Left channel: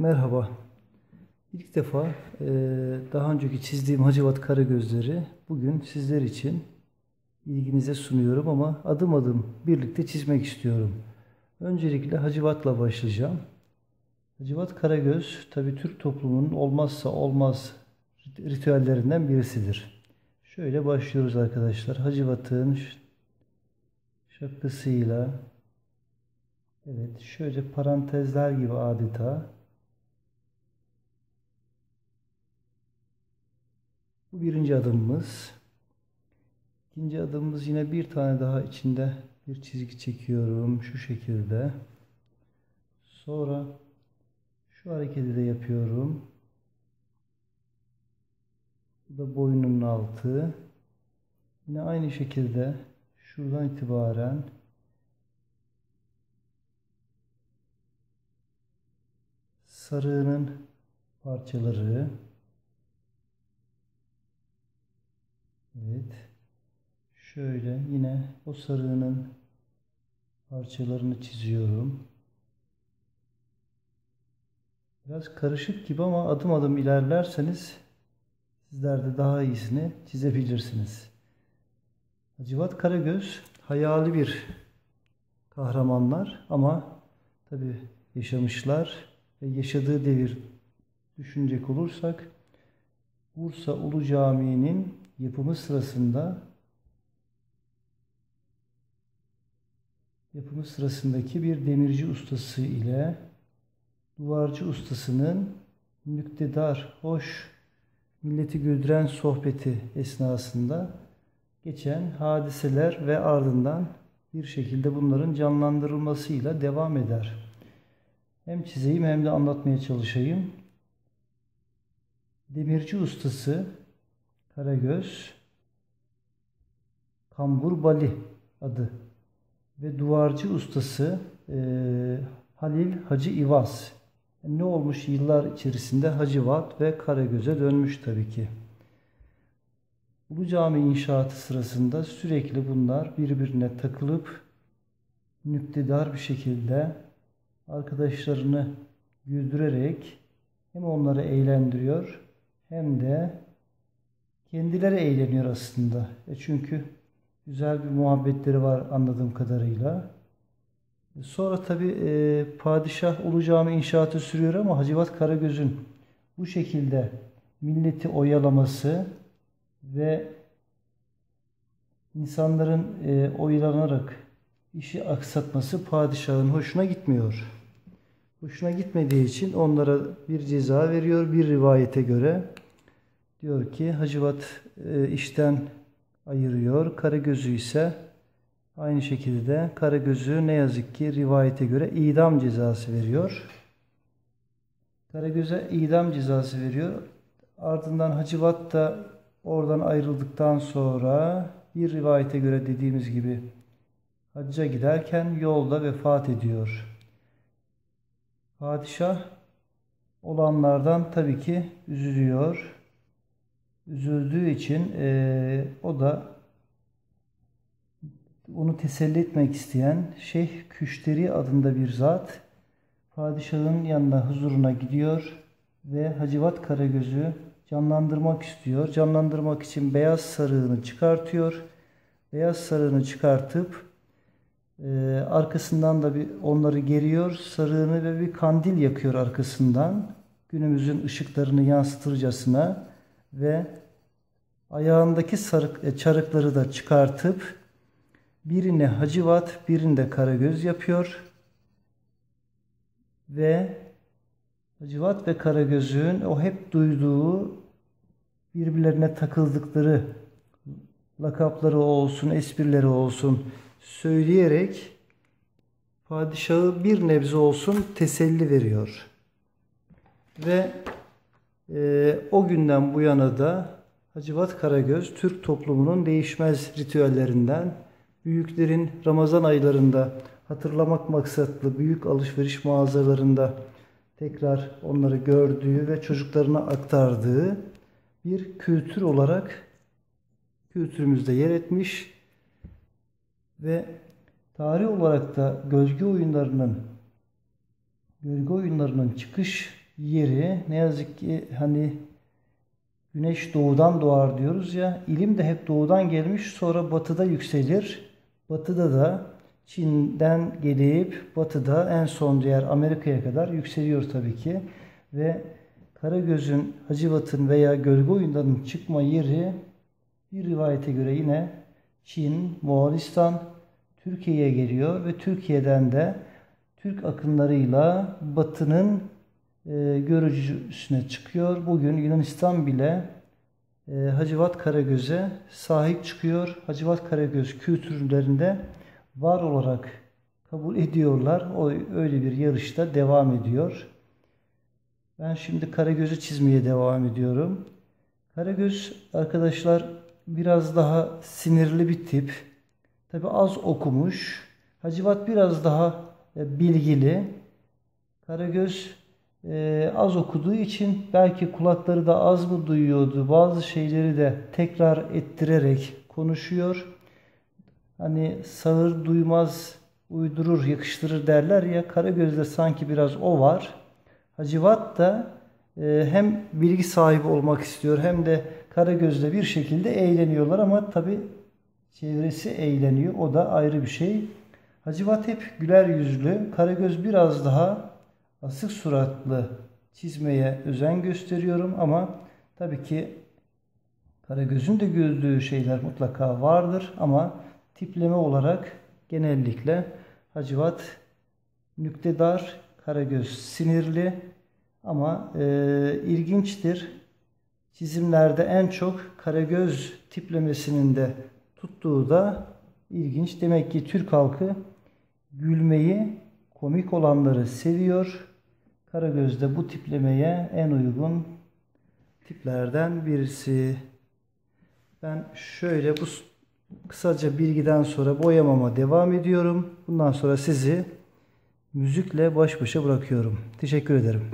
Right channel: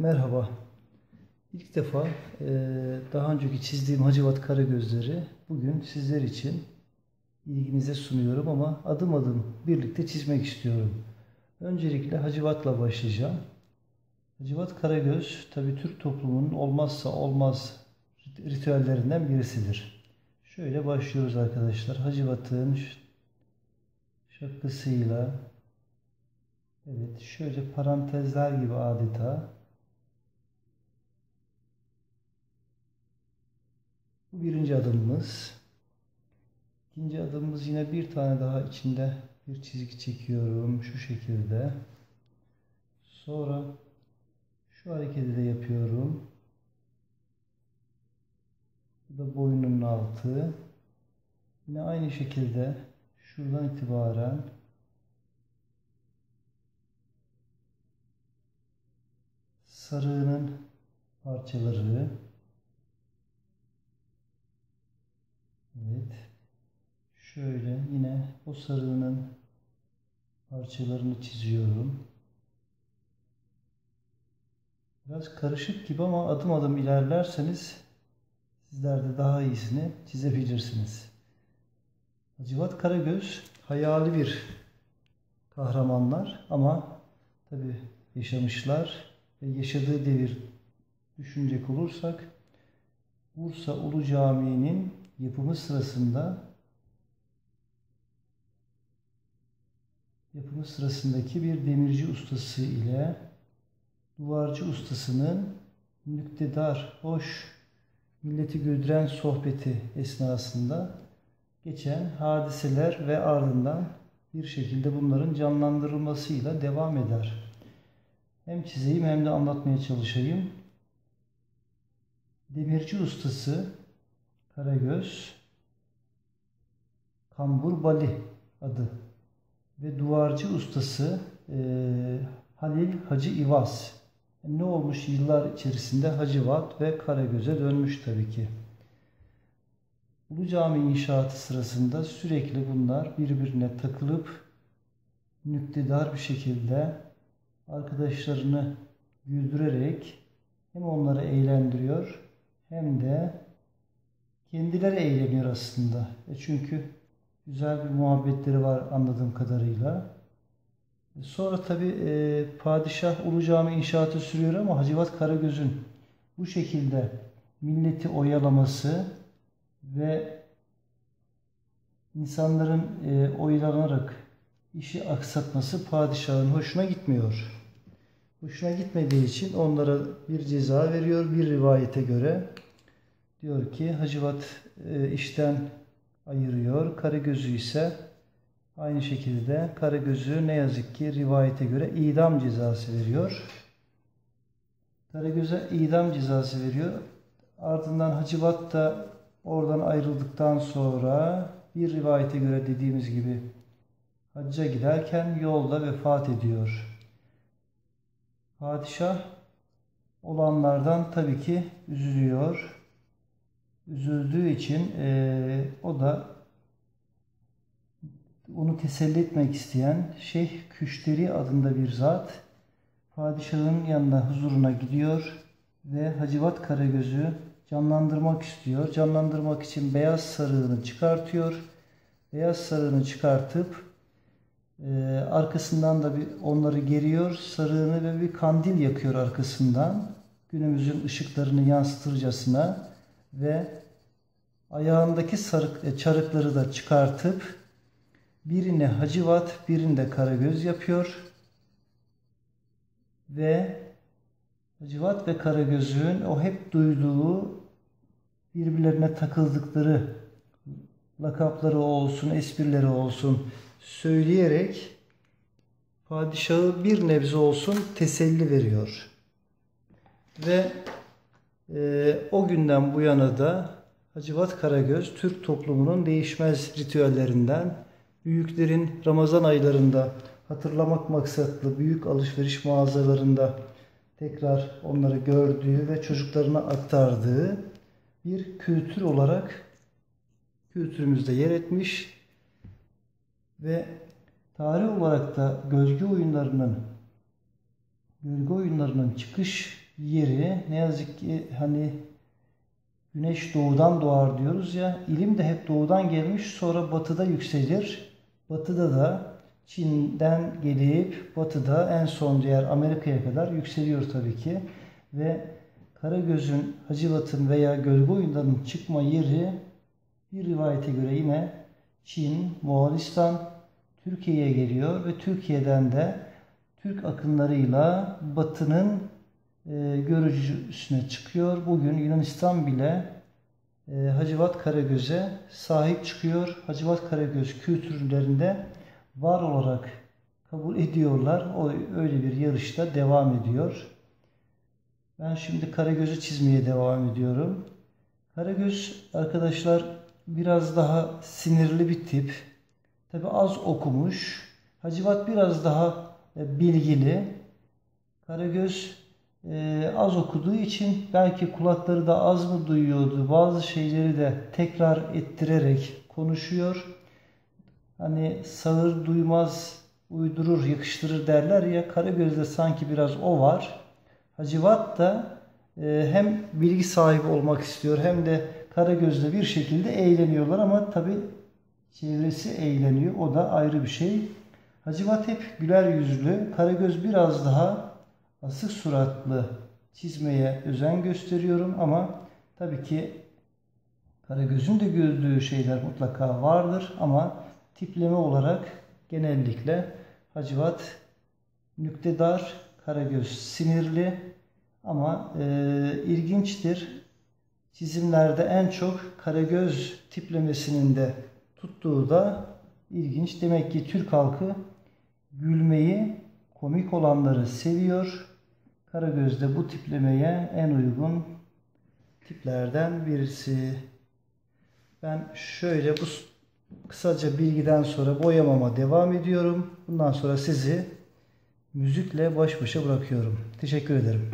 Merhaba. İlk defa daha önceki çizdiğim Hacivat Karagözleri bugün sizler için ilginize sunuyorum ama adım adım birlikte çizmek istiyorum. Öncelikle Hacivat'la başlayacağım. Hacivat Karagöz tabi Türk toplumunun olmazsa olmaz ritüellerinden birisidir. Şöyle başlıyoruz arkadaşlar. Hacivat'ın şapkasıyla, evet, şöyle parantezler gibi adeta. Bu birinci adımımız. İkinci adımımız yine bir tane daha içinde bir çizgi çekiyorum şu şekilde. Sonra şu hareketi de yapıyorum. Bu da boynunun altı. Yine aynı şekilde şuradan itibaren sarığının parçaları. Evet. Şöyle yine o sarığının parçalarını çiziyorum. Biraz karışık gibi ama adım adım ilerlerseniz sizler de daha iyisini çizebilirsiniz. Hacivat Karagöz hayali bir kahramanlar ama tabi yaşamışlar ve yaşadığı devir düşünecek olursak Bursa Ulu Camii'nin yapımı sırasındaki bir demirci ustası ile duvarcı ustasının müktedir, hoş, milleti güldüren sohbeti esnasında geçen hadiseler ve ardından bir şekilde bunların canlandırılmasıyla devam eder. Hem çizeyim hem de anlatmaya çalışayım. Demirci ustası Karagöz, Kambur Bali adı ve duvarcı ustası Halil Hacı İvaz. Ne olmuş yıllar içerisinde Hacivat ve Karagöz'e dönmüş tabii ki. Ulu Cami inşaatı sırasında sürekli bunlar birbirine takılıp nüktedir bir şekilde arkadaşlarını güldürerek hem onları eğlendiriyor hem de kendileri eğleniyor aslında. Çünkü güzel bir muhabbetleri var anladığım kadarıyla. Sonra tabi padişah Ulu Cami inşaatı sürüyor ama Hacivat Karagöz'ün bu şekilde milleti oyalaması ve insanların oyalanarak işi aksatması padişahın hoşuna gitmiyor. Hoşuna gitmediği için onlara bir ceza veriyor. Bir rivayete göre diyor ki Hacivat işten ayırıyor. Karagöz'ü ise aynı şekilde Karagöz'ü ne yazık ki rivayete göre idam cezası veriyor. Karagöz'e idam cezası veriyor. Ardından Hacivat da oradan ayrıldıktan sonra bir rivayete göre dediğimiz gibi hacca giderken yolda vefat ediyor. Padişah olanlardan tabii ki üzülüyor. Üzüldüğü için o da onu teselli etmek isteyen Şeyh Küşteri adında bir zat padişahın yanına huzuruna gidiyor ve Hacivat Karagöz'ü canlandırmak istiyor. Canlandırmak için beyaz sarığını çıkartıyor. Beyaz sarığını çıkartıp arkasından da onları geriyor. Sarığını ve bir kandil yakıyor arkasından. Günümüzün ışıklarını yansıtırcasına ve ayağındaki çarıkları da çıkartıp birine Hacivat, birinde Karagöz yapıyor. Ve Hacivat ve Karagöz'ün o hep duyduğu birbirlerine takıldıkları lakapları olsun, esprileri olsun söyleyerek padişahı bir nebze olsun teselli veriyor. Ve o günden bu yana da Hacivat Karagöz Türk toplumunun değişmez ritüellerinden, büyüklerin Ramazan aylarında hatırlamak maksatlı büyük alışveriş mağazalarında tekrar onları gördüğü ve çocuklarına aktardığı bir kültür olarak kültürümüzde yer etmiş ve tarih olarak da gölge oyunlarının çıkış yeri ne yazık ki hani güneş doğudan doğar diyoruz ya, ilim de hep doğudan gelmiş, sonra batıda yükselir. Batıda da Çin'den gelip batıda en son diğer Amerika'ya kadar yükseliyor tabii ki. Ve Karagöz'ün, Hacivat'ın veya Gölge Oyunları'nın çıkma yeri bir rivayete göre yine Çin, Moğolistan, Türkiye'ye geliyor ve Türkiye'den de Türk akınlarıyla Batı'nın görücüsüne çıkıyor. Bugün Yunanistan bile Hacivat Karagöz'e sahip çıkıyor. Hacivat Karagöz kültürlerinde var olarak kabul ediyorlar. O öyle bir yarışta devam ediyor. Ben şimdi Karagöz'ü çizmeye devam ediyorum. Karagöz arkadaşlar biraz daha sinirli bir tip. Tabi az okumuş. Hacivat biraz daha bilgili. Karagöz az okuduğu için belki kulakları da az mı duyuyordu. Bazı şeyleri de tekrar ettirerek konuşuyor. Hani sağır duymaz, uydurur, yakıştırır derler ya. Karagöz'de sanki biraz o var. Hacivat da hem bilgi sahibi olmak istiyor hem de Karagöz'le bir şekilde eğleniyorlar ama tabii çevresi eğleniyor. O da ayrı bir şey. Hacivat hep güler yüzlü. Karagöz biraz daha asık suratlı çizmeye özen gösteriyorum ama tabii ki Karagöz'ün de gördüğü şeyler mutlaka vardır ama tipleme olarak genellikle Hacivat nüktedardır, Karagöz sinirli ama ilginçtir. Çizimlerde en çok Karagöz tiplemesinin de tuttuğu da ilginç. Demek ki Türk halkı gülmeyi, komik olanları seviyor. Karagöz de bu tiplemeye en uygun tiplerden birisi. Ben şöyle bu kısaca bilgiden sonra boyamama devam ediyorum. Bundan sonra sizi müzikle baş başa bırakıyorum. Teşekkür ederim.